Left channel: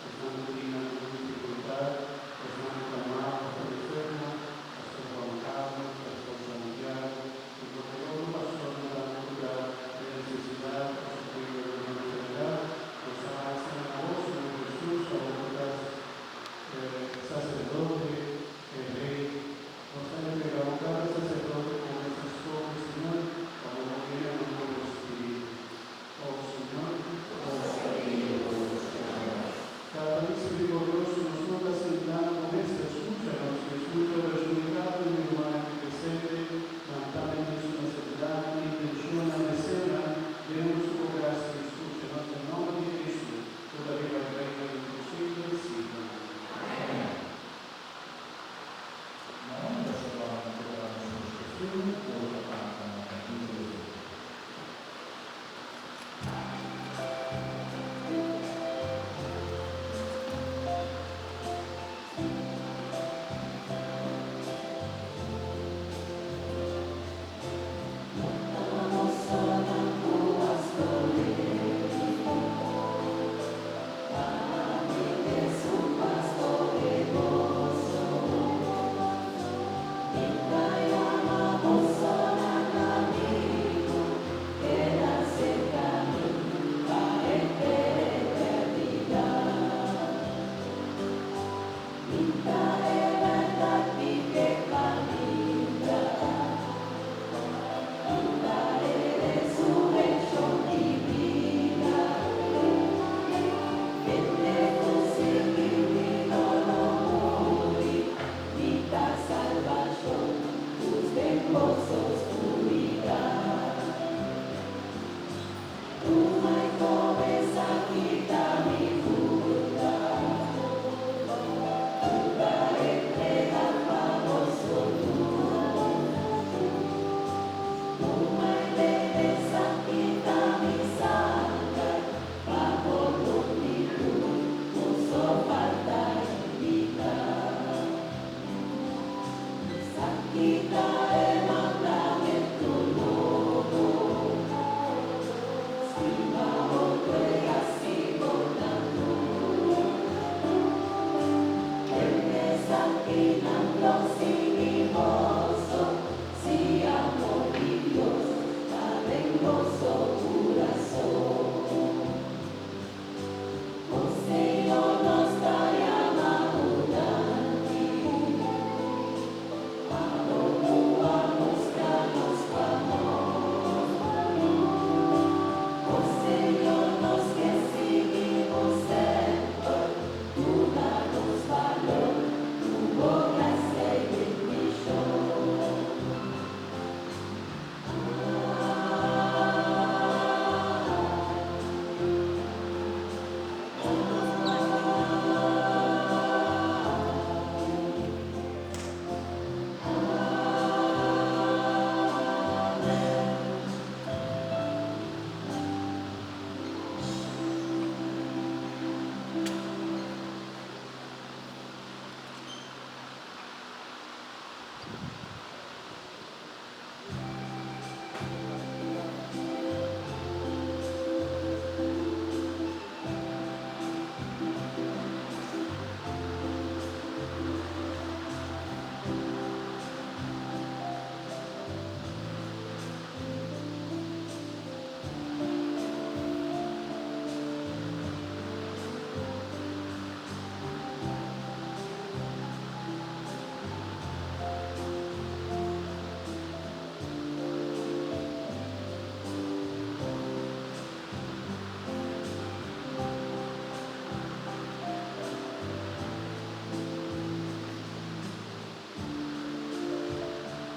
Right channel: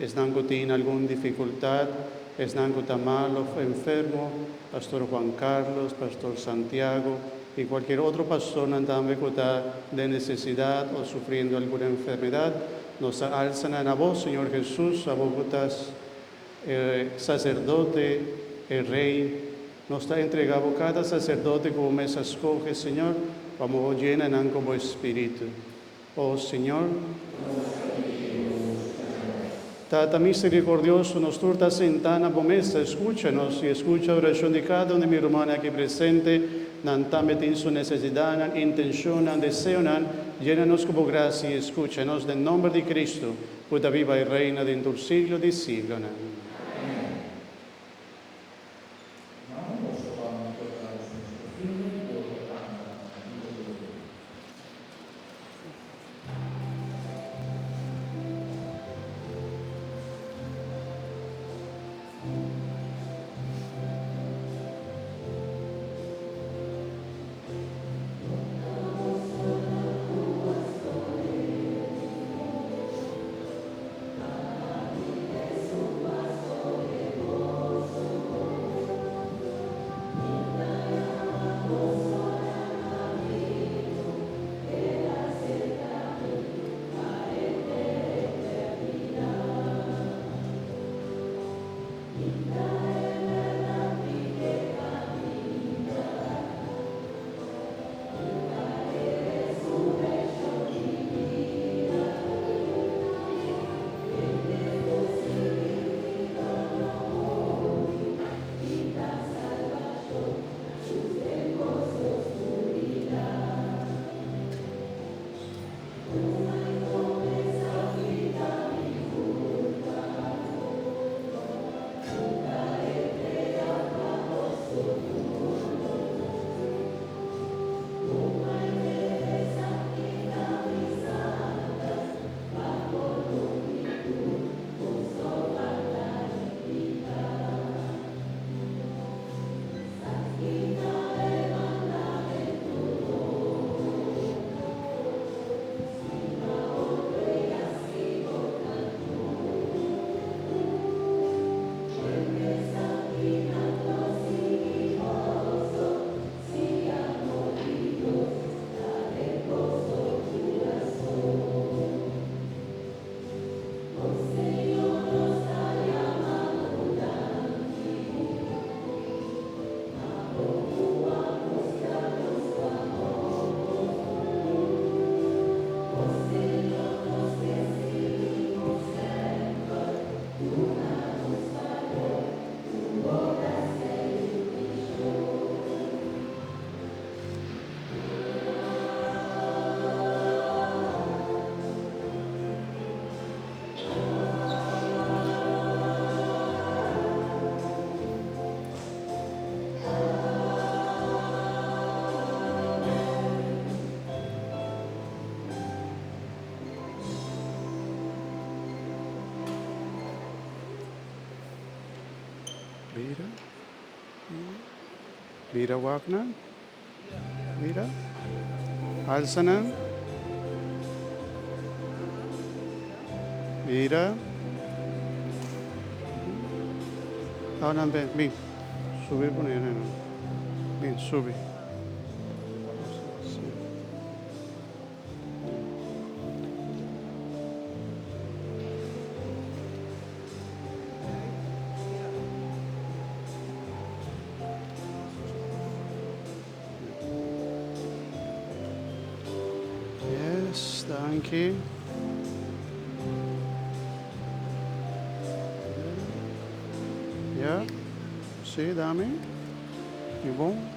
están que tienen alguna dificultad, están que están malo, enfermo, Pastor Juan Carlos, Pastor Santiago y cualquier otra persona también que está de necesidad o sufriendo alguna enfermedad, nos alzan a vos, Señor Jesús, a vos que estás sacerdote, el Rey, nos está entregado cada sacerdote como mesa escoge, Señor, como llenan como espíritu. Oh Señor, Tata misericordioso, nos torta sentana pomesa, escúchanos y escucha la oración de cada una de mi hermana aquí presente, nantame en su necesidad, intención, deseo, llénanos como gracia y escúchanos en nombre de Cristo, puta viva y reina dentro del siglo de siglo. Mira Wagner, mira, Alsanan, mira, hablan bien, sube con él, bien, sube. Aquí. Ya, sí, dame. Y bon.